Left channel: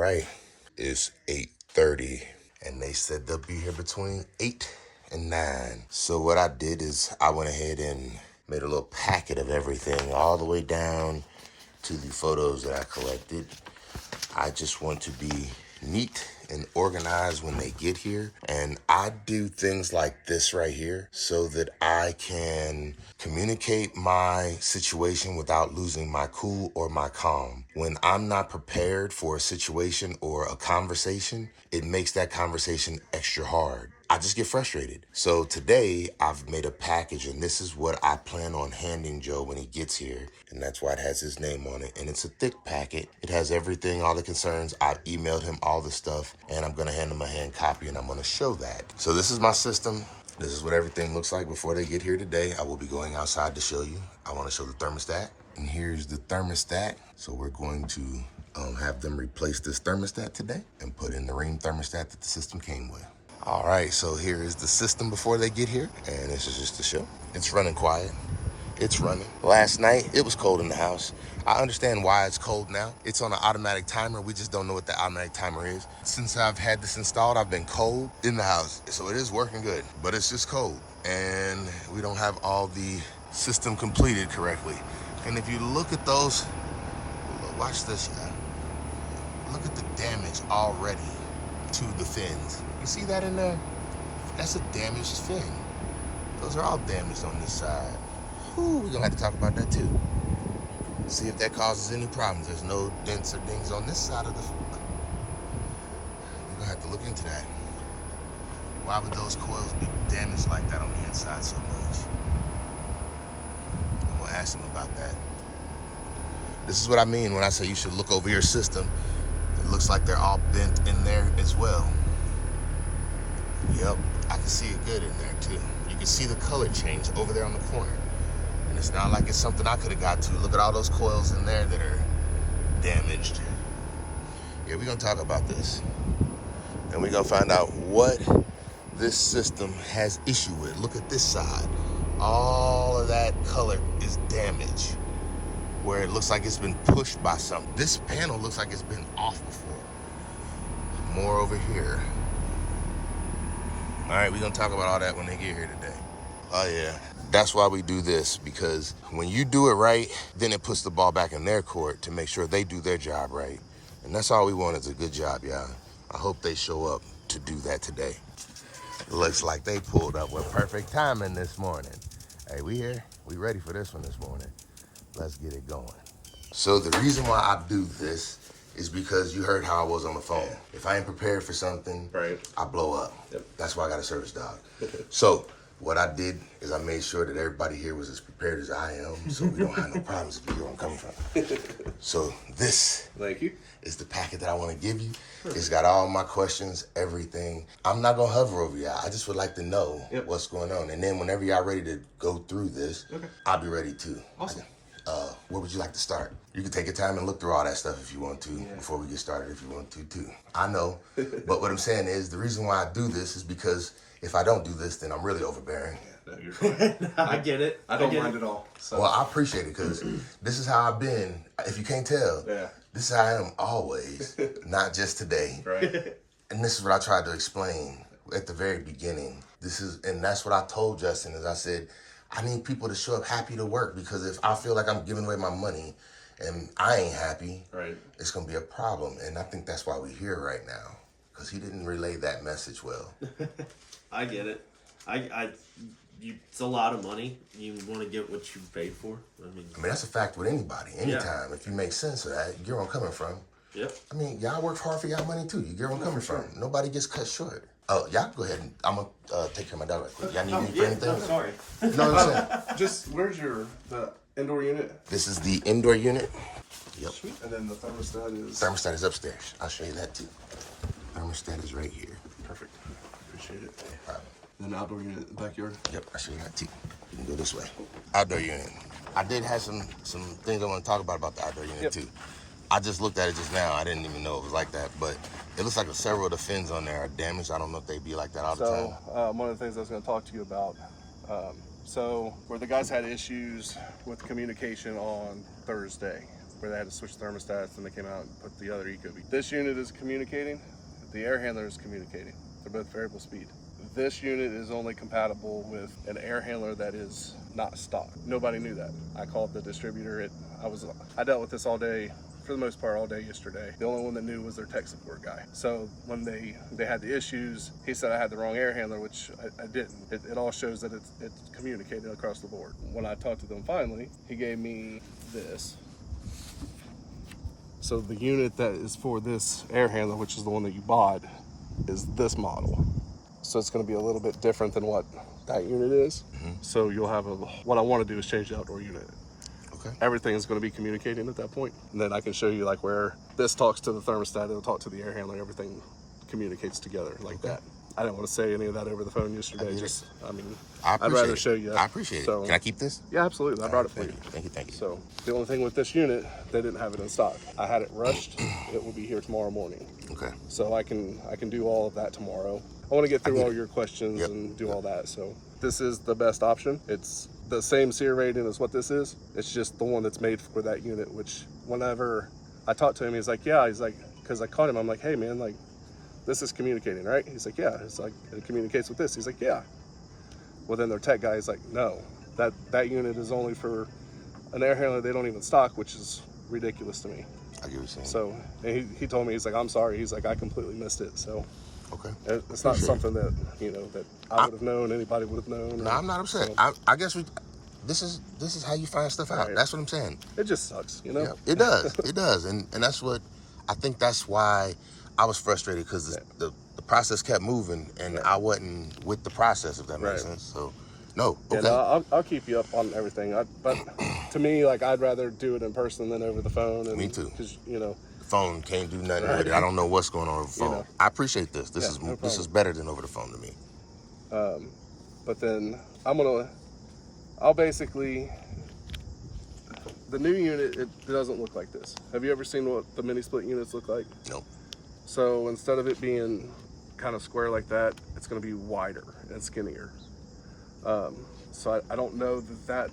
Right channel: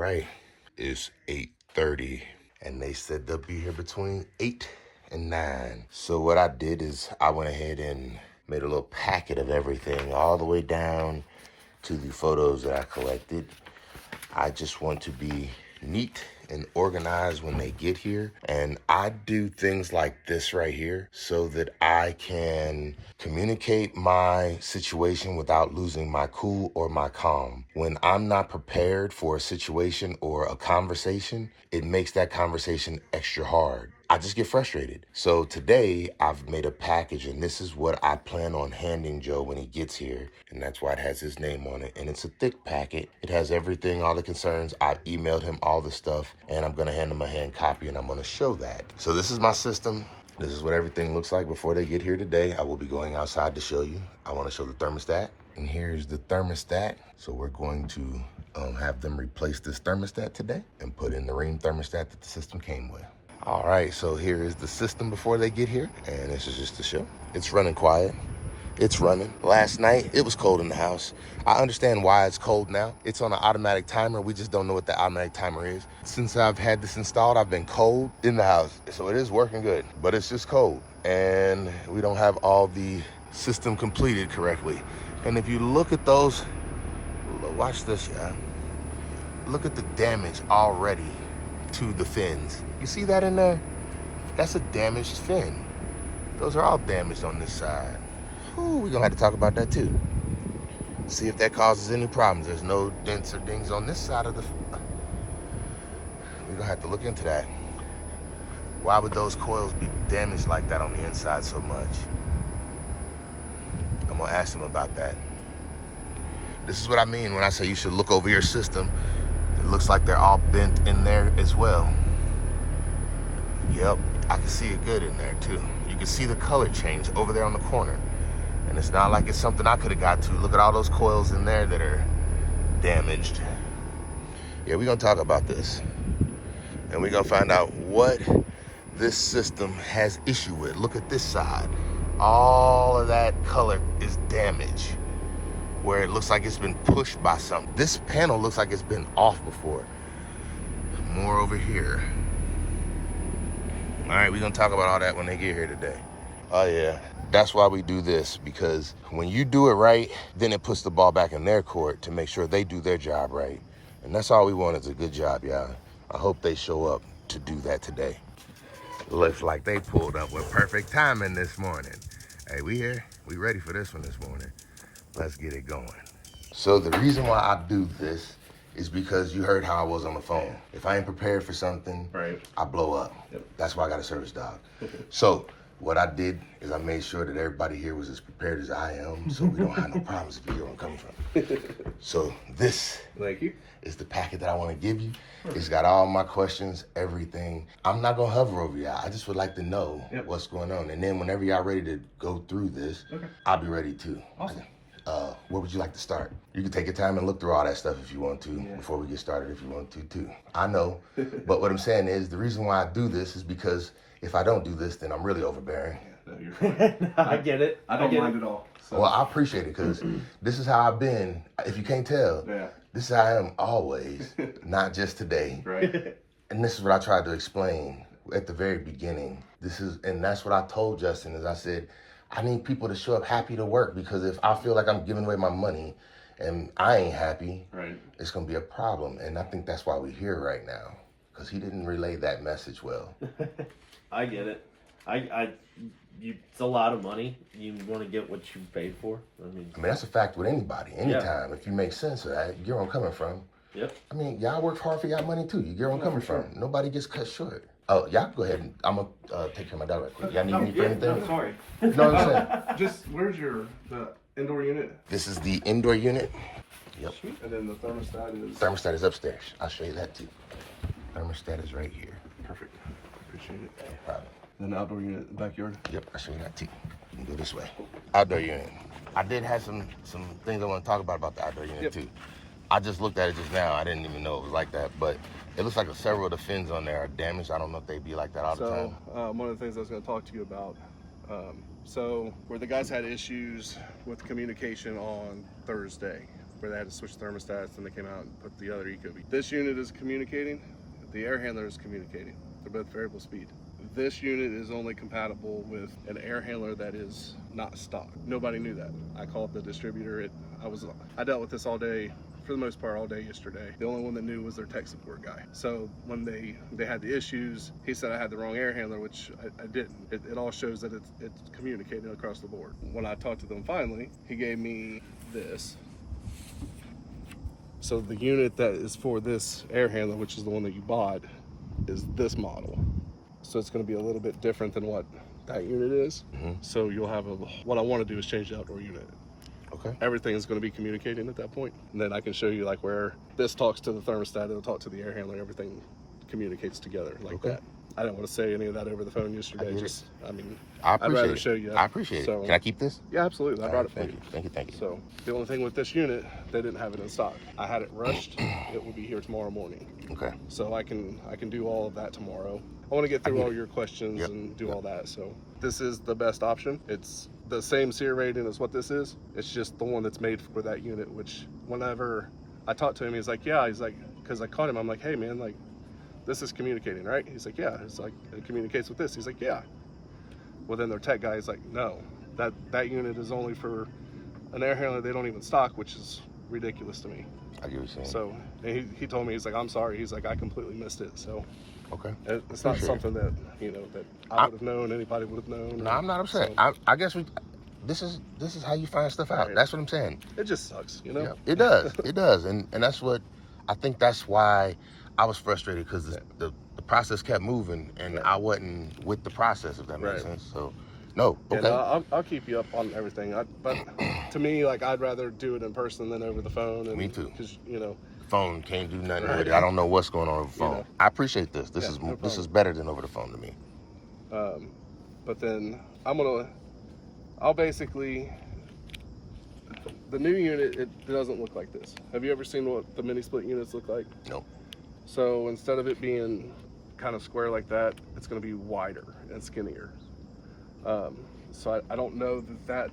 right, it's 8:30 and they said they'll be here between 8 and 9. So what I did is I went ahead and made a little packet of everything all the way down to the photos that I collected. I just want to be neat and organized when they get here. And I do things like this right here so that I can communicate my situation without losing my cool or my calm. When I'm not prepared for a situation or a conversation, it makes that conversation extra hard. I just get frustrated. So today I've made a package and this is what I plan on handing Joe when he gets here. And that's why it has his name on it. And it's a thick packet. It has everything, all the concerns. I emailed him all the stuff and I'm gonna hand him a hand copy and I'm gonna show that. So this is my system. This is what everything looks like before they get here today. I will be going outside to show you. I wanna show the thermostat. And here's the thermostat. So we're going to have them replace this thermostat today and put in the Ream thermostat that the system came with. All right, so here is the system before they get here, and this is just the show. It's running quiet. It's running. Last night, it was cold in the house. I understand why it's cold now. It's on an automatic timer. We just don't know what the automatic timer is. Since I've had this installed, I've been cold in the house. So it is working good, but it's just cold. And we don't have all the system completed correctly. And if you look at those, watch this, yeah. Look at the damage already to the fins. You see that in there? That's a damaged fin. Those are all damaged on this side. Ooh, we're gonna have to talk about that too. See if that causes any problems. There's no dents or dings on this side of the fin. We're gonna have to look into that. Why would those coils be damaged like that on the inside so much? I'm gonna ask them about that. This is what I mean when I say you should look over your system. It looks like they're all bent in there as well. Yep, I can see it good in there too. You can see the color change over there on the corner. And it's not like it's something I could have got to. Look at all those coils in there that are damaged. Yeah, we're gonna talk about this. And we're gonna find out what this system has issue with. Look at this side. All of that color is damaged, where it looks like it's been pushed by something. This panel looks like it's been off before. More over here. All right, we're gonna talk about all that when they get here today. Oh yeah, that's why we do this, because when you do it right, then it puts the ball back in their court to make sure they do their job right. And that's all we want is a good job, y'all. I hope they show up to do that today. Looks like they pulled up with perfect timing this morning. Hey, we here, we ready for this one this morning. Let's get it going. So the reason why I do this is because you heard how I was on the phone. If I ain't prepared for something, right, I blow up. Yep. That's why I got a service dog. So what I did is I made sure that everybody here was as prepared as I am, so we don't have no problems if you know where I'm coming from. So this is the packet that I want to give you. It's got all my questions, everything. I'm not gonna hover over y'all. I just would like to know what's going on. And then whenever y'all ready to go through this, I'll be ready too. Awesome. Where would you like to start? You can take your time and look through all that stuff if you want to, before we get started if you want to too. I know, but what I'm saying is the reason why I do this is because if I don't do this, then I'm really overbearing. No, you're fine. I get it. I don't mind at all. So. Well, I appreciate it because this is how I've been. If you can't tell, this is how I am always, not just today. Right. And this is what I tried to explain at the very beginning. And that's what I told Justin is I said, I need people to show up happy to work, because if I feel like I'm giving away my money and I ain't happy, it's gonna be a problem. And I think that's why we're here right now, because he didn't relay that message well. I get it. It's a lot of money. You want to get what you paid for. I mean, that's a fact with anybody, anytime. If you make sense of that, you get where I'm coming from. Yep. I mean, y'all work hard for y'all money too. You get where I'm coming from. Nobody gets cut short. Oh, y'all go ahead. I'm going to take care of my dog right quick. Y'all need me for anything? I'm sorry. You know what I'm saying? Just, where's the indoor unit? This is the indoor unit. Yep. And then the thermostat is? Thermostat is upstairs. I'll show you that too. Thermostat is right here. Perfect. Appreciate it. No problem. Then the outdoor unit, backyard? Yep, I'll show you that too. You can go this way. Outdoor unit. I did have some things I want to talk about the outdoor unit too. I just looked at it just now. I didn't even know it was like that, but it looks like several of the fins on there are damaged. I don't know if they be like that all the time. One of the things I was going to talk to you about, so where the guys had issues with communication on Thursday, where they had to switch thermostats, and they came out and put the other Ecobee. This unit is communicating. The air handler is communicating. They're both variable speed. This unit is only compatible with an air handler that is not stock. Nobody knew that. I called the distributor. I dealt with this all day, for the most part, all day yesterday. The only one that knew was their tech support guy. So when they had the issues, he said I had the wrong air handler, which I didn't. It all shows that it's communicating across the board. When I talked to them finally, he gave me this. So the unit that is for this air handler, which is the one that you bought, is this model. So it's going to be a little bit different than what that unit is. So you'll have what I want to do is change the outdoor unit. Okay. Everything is going to be communicating at that point. And then I can show you like where this talks to the thermostat, it'll talk to the air handler, everything communicates together like that. I didn't want to say any of that over the phone yesterday. I'd rather show you that. I appreciate it. Can I keep this? Yeah, absolutely. I brought it for you. Thank you. So the only thing with this unit, they didn't have it in stock. I had it rushed. It will be here tomorrow morning. Okay. So I can do all of that tomorrow. I want to get through all your questions and do all that. So this is the best option. It's the same SEER rating as what this is. It's just the one that's made for that unit, which whenever I talked to him, he's like, yeah. He's like, because I called him, I'm like, hey man, like, this is communicating, right? He's like, yeah. It's like, it communicates with this. He's like, yeah. Well, then their tech guy is like, no, that unit is only for an air handler they don't even stock, which is ridiculous to me. I get what you're saying. So and he told me, he's like, I'm sorry. He's like, I completely missed it. So okay, it's not something that that I would have known, anybody would have known. No, I'm not upset. So, I guess this is how you find stuff out. Right. That's what I'm saying. It just sucks, Yeah, it does. It does, and that's what I think. That's why I was frustrated, because the process kept moving, and I wasn't with the process, if that makes sense. So, no, okay. No, I'll keep you up on everything. But to me, like, I'd rather do it in person than over the phone. And, me too. Because the phone can't do nothing with it. I don't know what's going on over the phone. I appreciate this. This is better than over the phone to me. But then I'll basically. The new unit, it doesn't look like this. Have you ever seen what the mini split units look like? Nope. So instead of it being kind of square like that, it's going to be wider and skinnier. So I don't know that.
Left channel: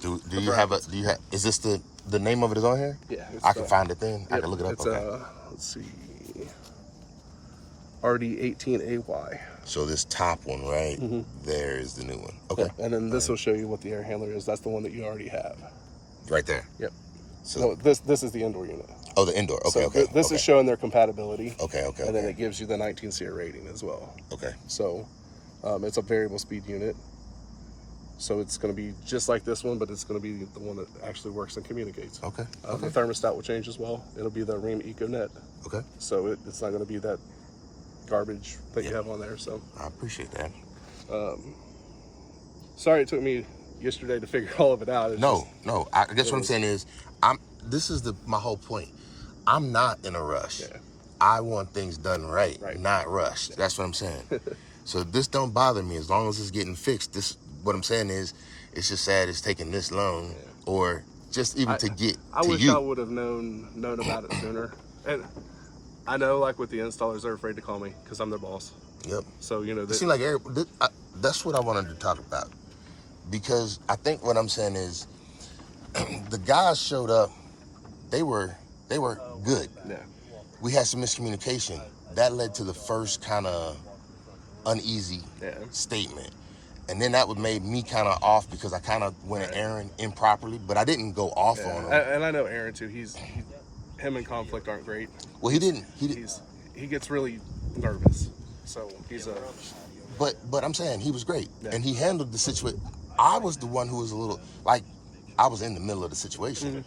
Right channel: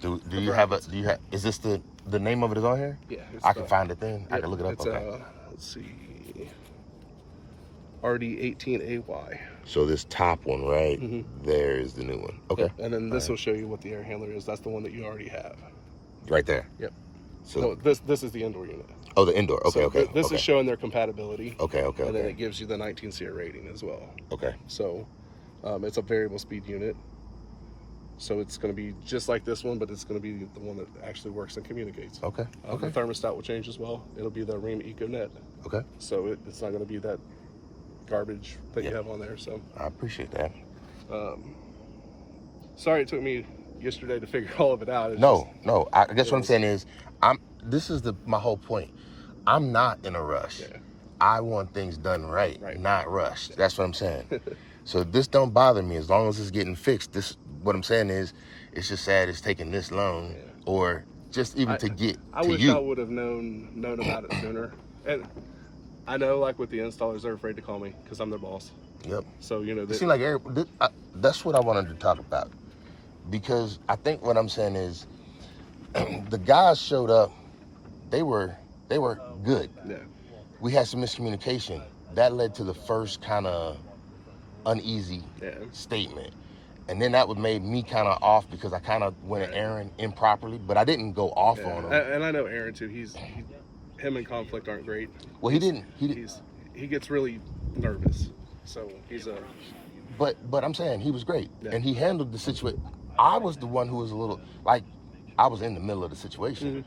Do you have is this the name of it is on here? Yeah. I can find it then. I can look it up. It's, okay. Let's see. RD18AY. So this top one right there is the new one. Okay. Yep. And then this will show you what the air handler is. That's the one that you already have. Right there. Yep. So this is the indoor unit. Oh, the indoor. Okay, so This is showing their compatibility. Okay. And then it gives you the 19 SEER rating as well. Okay. So it's a variable speed unit. So it's going to be just like this one, but it's going to be the one that actually works and communicates. Okay. The thermostat will change as well. It'll be the Rheem EcoNet. Okay. So it's not going to be that garbage that you have on there. So I appreciate that. Sorry it took me yesterday to figure all of it out. No. I guess what I'm saying is, this is my whole point. I'm not in a rush. Yeah. I want things done right, not rushed. Yeah. That's what I'm saying. So this don't bother me as long as it's getting fixed. What I'm saying is, it's just sad it's taking this long, or just even to get to you. I wish I would have known about it sooner. And I know, like with the installers, they're afraid to call me because I'm their boss. Yep. So it seems like that's what I wanted to talk about, because I think what I'm saying is, the guys showed up. They were good. Yeah. We had some miscommunication that led to the first kind of uneasy statement. And then that would made me kind of off, because I kind of went at Aaron improperly, but I didn't go off on him. And I know Aaron too. Him and conflict aren't great. Well, he gets really nervous. So he's a. But I'm saying he was great, and he handled the situation. I was the one who was a little I was in the middle of the situation.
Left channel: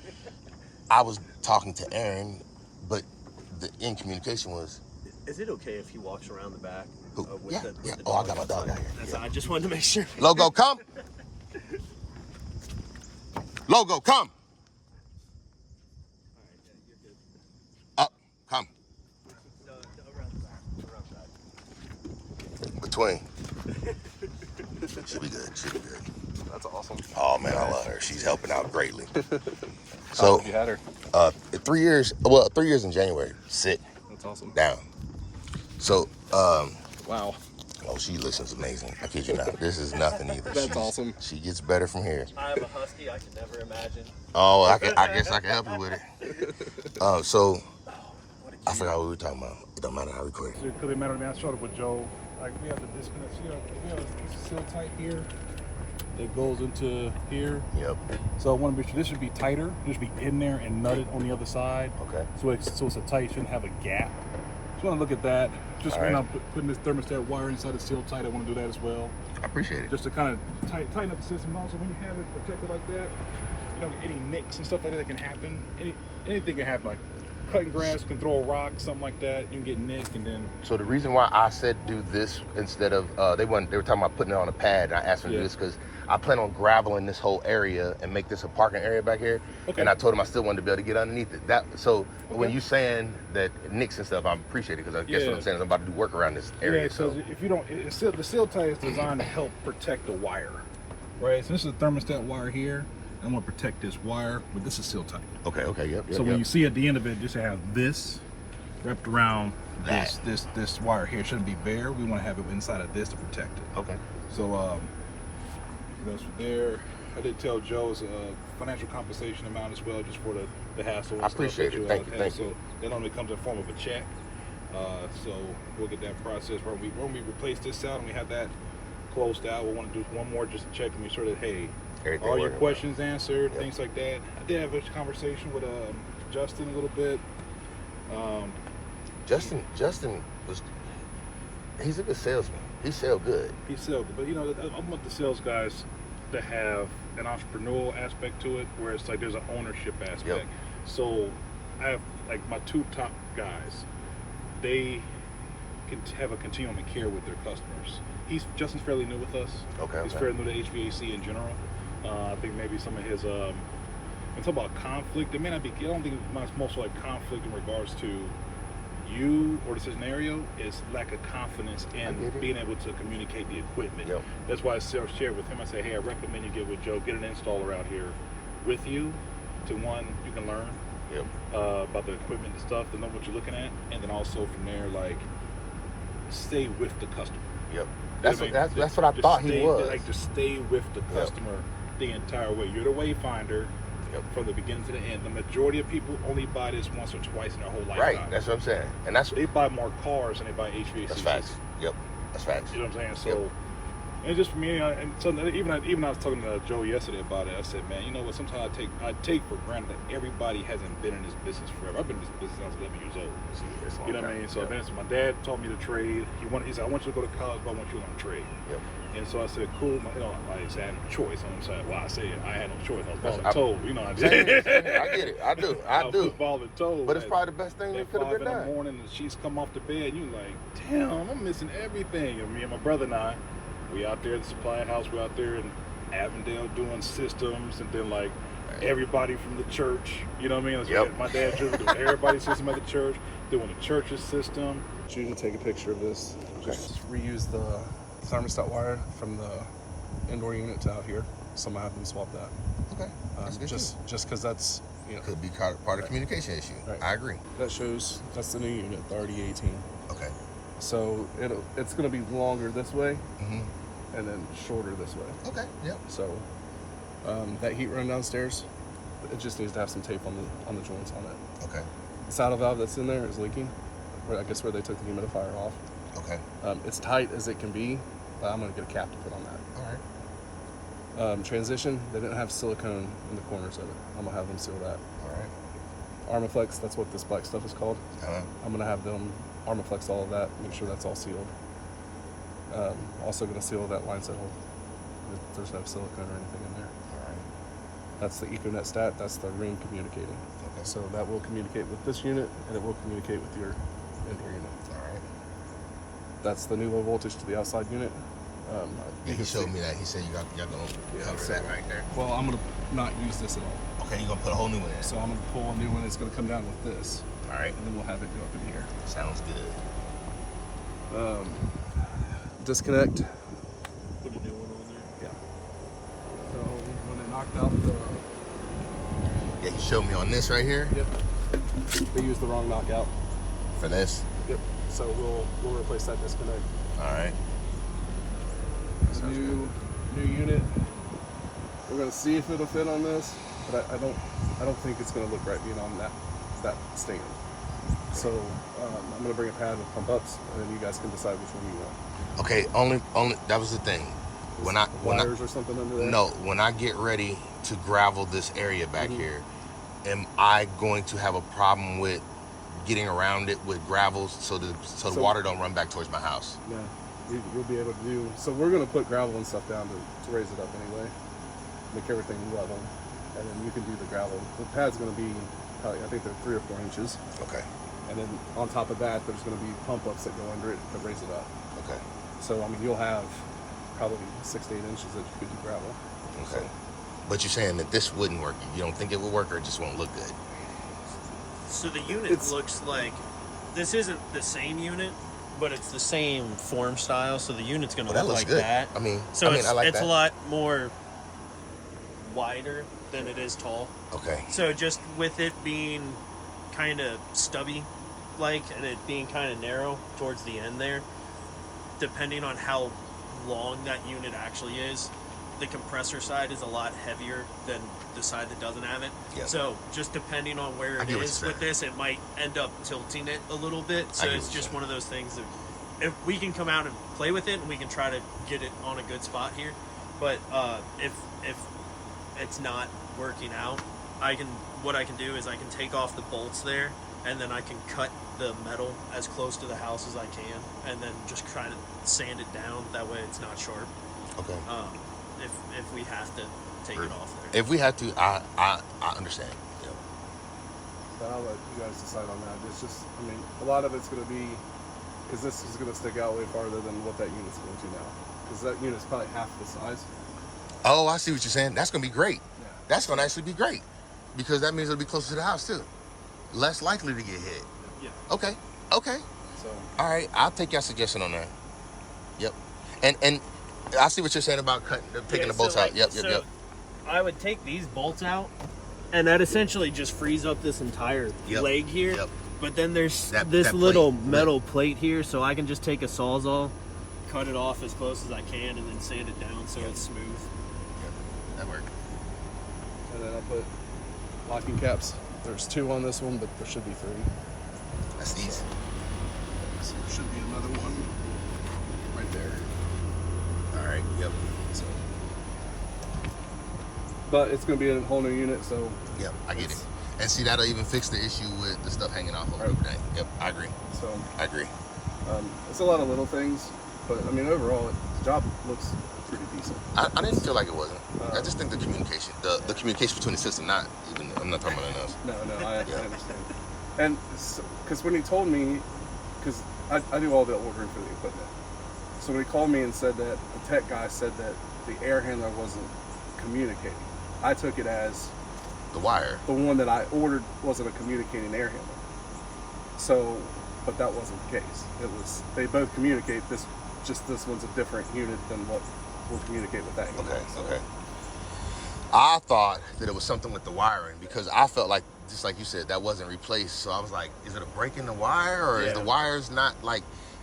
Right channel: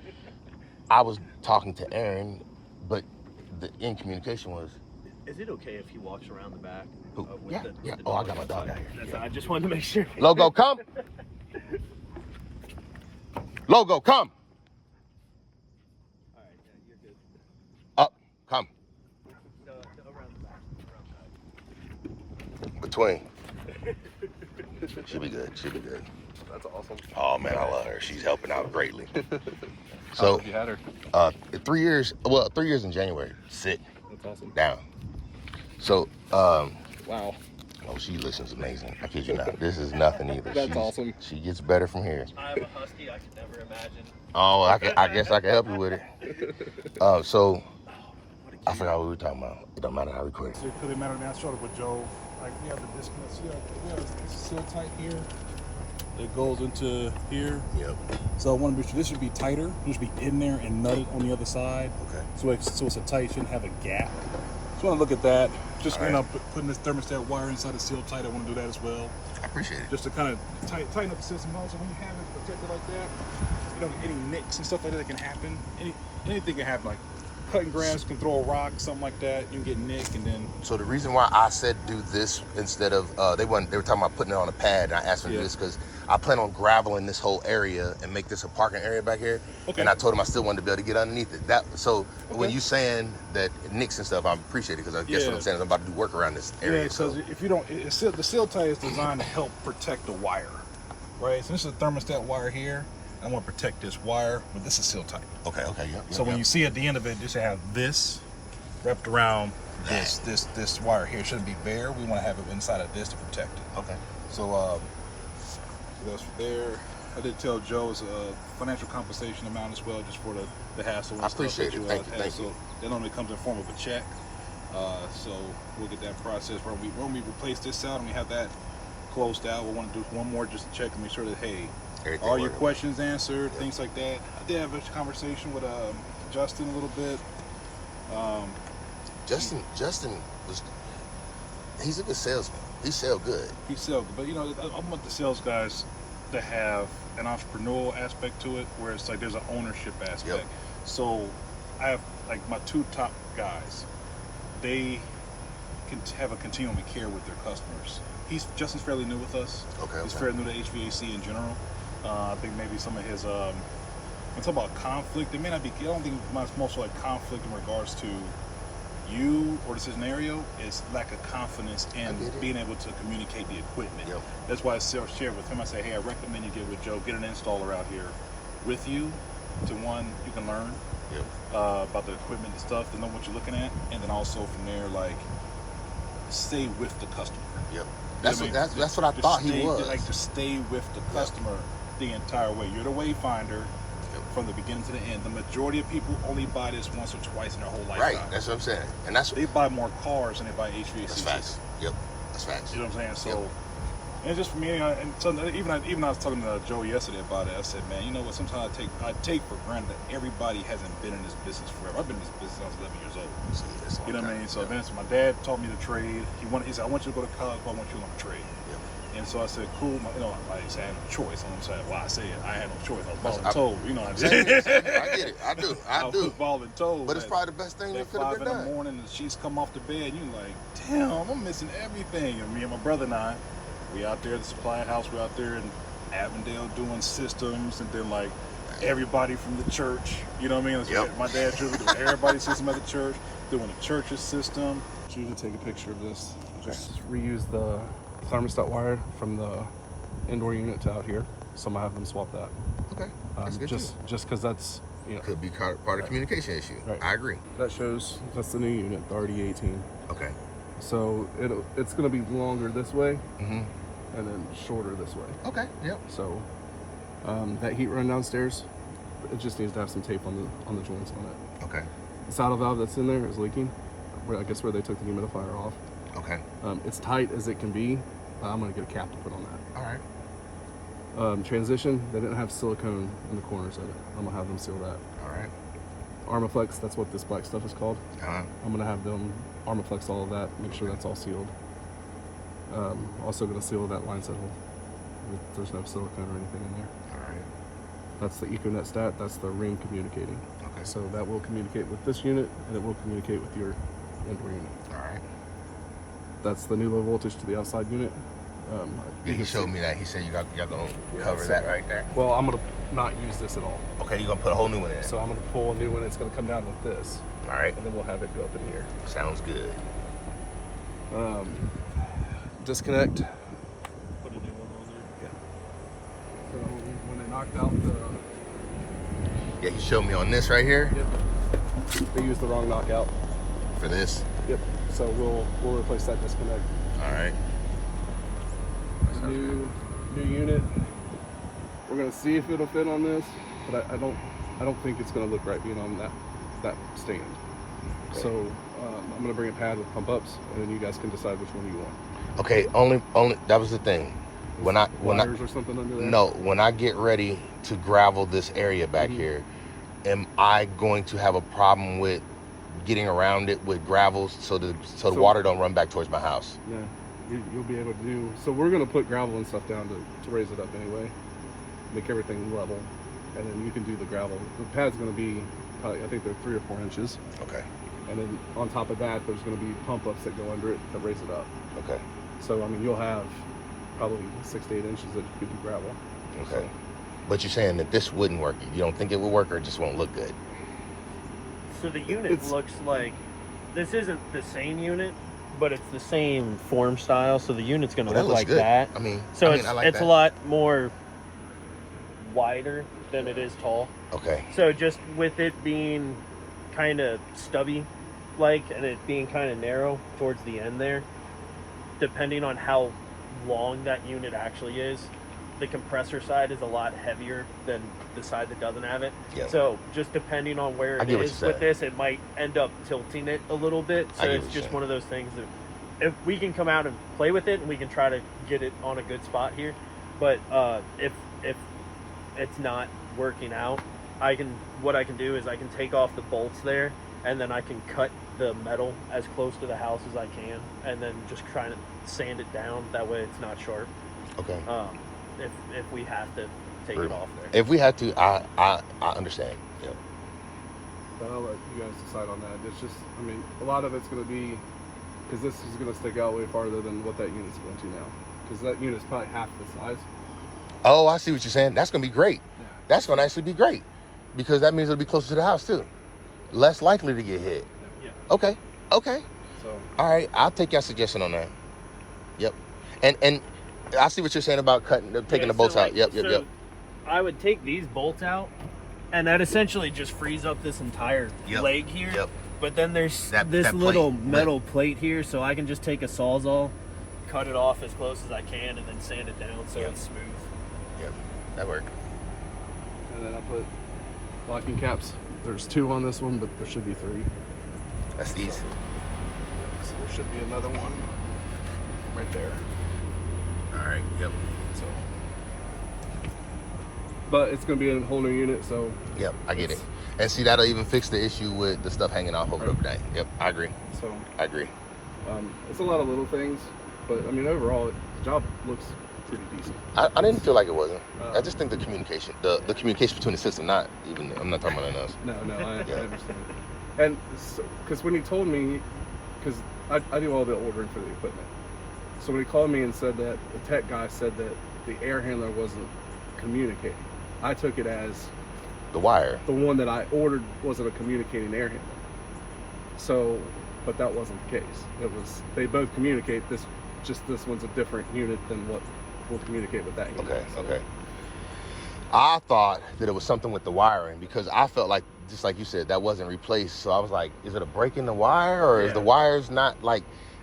I was talking to Aaron, but the communication was. Is it okay if he walks around the back? Yeah. Oh, I got my dog out here. I just wanted to make sure. Logo, come. Logo, come. All right, you're good. Up, come. Between. She'll be good. That's awesome. Oh man, I love her. She's helping out greatly. So you had her? 3 years. Well, 3 years in January. Sit. That's awesome. Down. So wow. Oh, she listens amazing. I kid you not. This is nothing either. That's awesome. She gets better from here. I have a husky. I could never imagine Oh, I guess I can help you with it. So I forgot what we were talking about. It don't matter how we quick. So it really matter now. Showed up with Joe. Like we have the disconnect. See, like, we have this seal tight here. It goes into here. Yep. So I want to be sure this should be tighter. It should be in there and nutted on the other side. Okay. So it's a tight. Shouldn't have a gap. So I want to look at that. Just putting this thermostat wire inside the seal tight. I want to do that as well. I appreciate it. Just to kind of tighten up the system. Also, when you have it protected like that, you know, any nicks and stuff like that can happen. Anything can happen. Like cutting grass, can throw a rock, something like that. You can get nicked, and then. So the reason why I said do this instead of they were talking about putting it on a pad, and I asked them to do this because I plan on graveling this whole area and make this a parking area back here. Okay. And I told them I still wanted to be able to get underneath it. When you saying that nicks and stuff, I appreciate it because I guess what I'm saying is I'm about to do work around this area. Yeah, so if you don't, the seal tie is designed to help protect the wire, right? So this is a thermostat wire here. I want to protect this wire, but this is seal tight. Okay, yep. So when you see at the end of it, just have this wrapped around this wire here. It shouldn't be bare. We want to have it inside of this to protect it. Okay. So that's there. I did tell Joe it's a financial compensation amount as well, just for the hassle. I appreciate it. Thank you. So that normally comes in the form of a check. So we'll get that process when we replace this out and we have that closed out. We'll want to do one more just to check to make sure that everything all your questions answered, things like that. I did have a conversation with Justin a little bit. Justin he's a good salesman. He sell good. He sells, but you know, I want the sales guys to have an entrepreneurial aspect to it, where it's like there's an ownership aspect. Yep. So I have like my two top guys. They can have a continuum of care with their customers. Justin's fairly new with us. Okay. He's fairly new to HVAC in general. I think maybe some of his when talk about conflict, it may not be. I don't think mine's most like conflict in regards to you or the scenario is lack of confidence in being able to communicate the equipment. Yep. That's why I shared with him. I said, hey, I recommend you get with Joe, get an installer out here with you. To one, you can learn about the equipment and stuff, to know what you're looking at, and then also from there, like, stay with the customer. Yep. That's what I thought he was. Like to stay with the customer the entire way. You're the wayfinder. From the beginning to the end. The majority of people only buy this once or twice in their whole life. Right, that's what I'm saying. And they buy more cars than they buy HVAC. That's facts. Yep, that's facts. You know what I'm saying? So, and just for me, and so even I was talking to Joe yesterday about it. I said, man, you know what? Sometimes I take for granted that everybody hasn't been in this business forever. I've been in this business since I was 11 years old. You know what I mean? So, man, so my dad taught me to trade. He said, I want you to go to college, but I want you to learn to trade. Yep. And so I said, cool. You know, I didn't say I had no choice. I'm saying, well, I said I had no choice. I was told. You know, I get it. I do. I do. Told, but it's probably the best thing that could have been done. In the morning, the sheets come off the bed, and you're like, damn, I'm missing everything. And me and my brother and I, we out there at the supply house. We out there in Avondale doing systems, and then like everybody from the church. You know what I mean? Yep. My dad's church, everybody's system at the church, doing the church's system. So you can take a picture of this. Just reuse the thermostat wire from the indoor unit to out here. So I'm gonna have them swap that. Okay. That's good just because that's could be part of communication issue. Right. I agree. That's the new unit, the RD18. Okay. So it's gonna be longer this way, and then shorter this way. Okay. Yep. So that heat run downstairs, it just needs to have some tape on the joints on it. Okay. The saddle valve that's in there is leaking. I guess where they took the humidifier off. Okay. It's tight as it can be. I'm gonna get a cap to put on that. All right. Transition, they didn't have silicone in the corners of it. I'm gonna have them seal that. All right. Armaflex, that's what this black stuff is called. I'm gonna have them Armaflex all of that, make sure that's all sealed. Also gonna seal that line set hole. There's no silicone or anything in there. All right. That's the Ethernet stat, that's the ring communicating. Okay. So that will communicate with this unit, and it will communicate with your indoor unit. All right. That's the new low voltage to the outside unit. He showed me that. He said y'all gonna cover that right there. Well, I'm gonna not use this at all. Okay, you're gonna put a whole new one in. So I'm gonna pull a new one. It's gonna come down with this. All right. And then we'll have it go up in here. Sounds good. Disconnect. Yeah. So when they knocked out the. Yeah, you showed me on this right here. Yep. They used the wrong knockout. For this. Yep. So we'll replace that disconnect. All right. New unit. We're gonna see if it'll fit on this, but I don't think it's gonna look right being on that stand. Okay. So I'm gonna bring a pad with pump ups, and then you guys can decide which one you want. Okay, only that was the thing. When I Wires or something under there? no, when I get ready to gravel this area back here, am I going to have a problem with getting around it with gravel so the water don't run back towards my house? Yeah, you'll be able to do. So we're gonna put gravel and stuff down to raise it up anyway, make everything level, and then you can do the gravel. The pad's gonna be, I think they're 3 or 4 inches, Okay. and then on top of that, there's gonna be pump ups that go under it that raise it up. Okay. So I mean, you'll have probably 6 to 8 inches that you could do gravel. Okay. But you're saying that this wouldn't work. You don't think it will work, or it just won't look good? So the unit looks like, this isn't the same unit, but it's the same form style. So the unit's going to Well, that look looks like good. that. I mean, So I like it's that. a lot more wider than it is tall. Okay. So just with it being kind of stubby, and it being kind of narrow towards the end there, depending on how long that unit actually is, the compressor side is a lot heavier than the side that doesn't have it. Yep. So just depending on where I it get what is you're with saying. this, it might end up tilting it a little bit. So I get it's what you're just saying. one of those things that if we can come out and play with it, and we can try to get it on a good spot here. But if it's not working out, what I can do is I can take off the bolts there, and then I can cut the metal as close to the house as I can, and then just try to sand it down. That way it's not sharp. Okay. If we have to take it off there. If we have to, I understand. Yep. But I'll let you guys decide on that. It's just, I mean, a lot of it's going to be, because this is going to stick out way farther than what that unit's going to now. Because that unit's probably half the size. Oh, I see what you're saying. That's going to be great. Yeah. That's going to actually be great, because that means it'll be closer to the house too. Less likely to get hit. Yeah. Okay. Okay. So, All right. I'll take your suggestion on that. Yep. And I see what you're saying about taking the bolts out. Yep. I would take these bolts out, and that essentially just frees up this entire Yep. leg here. Yep. But then there's That this plate. little metal plate here, so I can just take a Sawzall, cut it off as close as I can, and then sand it down so Yep. it's smooth. Yep. That worked. and then I put locking caps. There's 2 on this one, but there should be 3. That's easy. So there should be another one right there. All right. Yep. So, but it's going to be a whole new unit, so Yep. I get it. And see, that'll even fix the issue with the stuff hanging off over overnight. Yep. I agree. so I agree. it's a lot of little things, but I mean overall the job looks pretty decent. I didn't feel like it wasn't. I just think the communication between the system, I'm not talking about enough. No, I understand. And because when he told me, because I do all the ordering for the equipment, so when he called me and said that the tech guy said that the air handler wasn't communicating, I took it as The wire. the one that I ordered wasn't a communicating air handler. So, but that wasn't the case. It was, they both communicate. This one's a different unit than what will communicate with that unit. Okay. So, Okay. I thought that it was something with the wiring, because I felt like, just like you said, that wasn't replaced. So I was like, is it a break in the wire, or is the wires not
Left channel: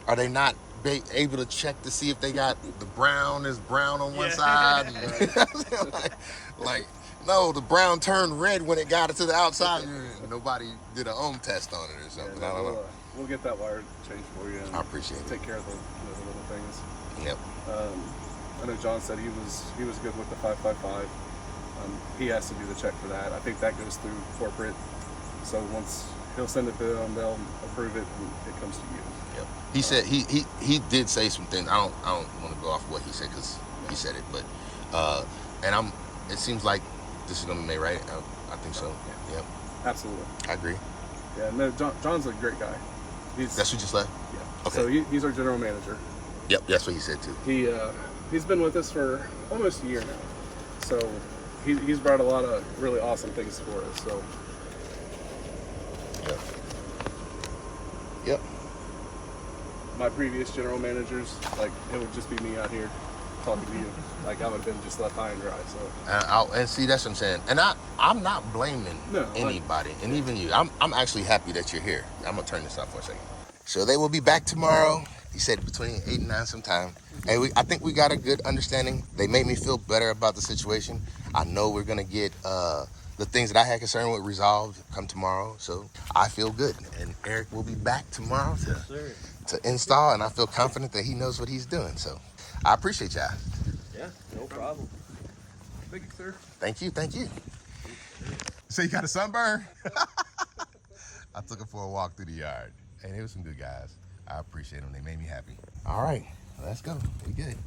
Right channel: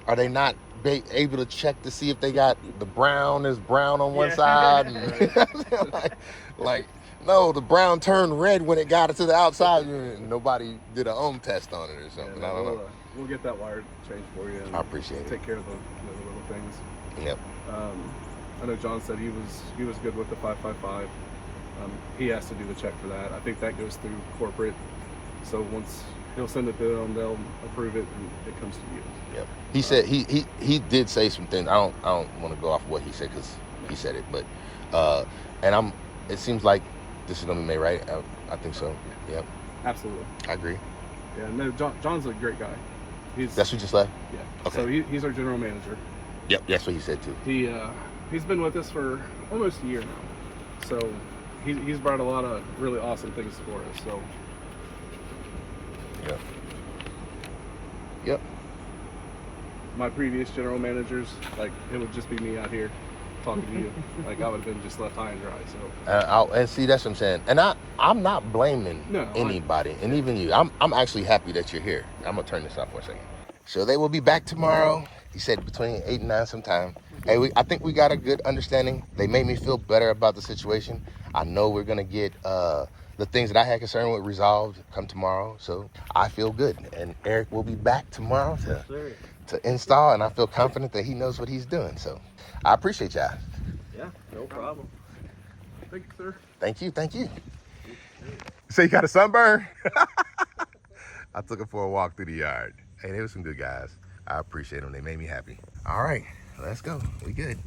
are they not able to check to see if they got the brown on one side? And like, no, the brown turned red when it got it to the outside. Nobody did a ohm test on it or something. I don't know. We'll get that wire changed for you. And I appreciate it. Take care of the little things. Yep. I know John said he was good with the 555. He has to do the check for that. I think that goes through corporate. So once he'll send it to them, they'll approve it, and it comes to you. Yep. He said he did say some things. I don't want to go off of what he said, because he said it, but and it seems like this is gonna be made right. I think so. Yep. Absolutely. I agree. Yeah. No, John's a great guy. That's who just left. Yeah. Okay. So he's our general manager. Yep. That's what he said too. He's been with us for almost a year now. So he's brought a lot of really awesome things for us. So Yep. Yep. my previous general managers, like, it would just be me out here talking to you. Like, I would have been just left high and dry. So And see, that's what I'm saying. And I'm not blaming No, anybody, and even you. I'm actually happy that you're here. I'm gonna turn this off for a second. So they will be back tomorrow. He said between 8 and 9 sometime. Hey, I think we got a good understanding. They made me feel better about the situation. I know we're gonna get the things that I had concern with resolved come tomorrow. So I feel good. And Eric will be back tomorrow to install, and I feel confident that he knows what he's doing. So I appreciate y'all. Yeah, no problem. Thank you, sir. Thank you, thank you. So you got a sunburn? I took him for a walk through the yard. Hey, they were some good guys. I appreciate them. They made me happy. All right, let's go. We good.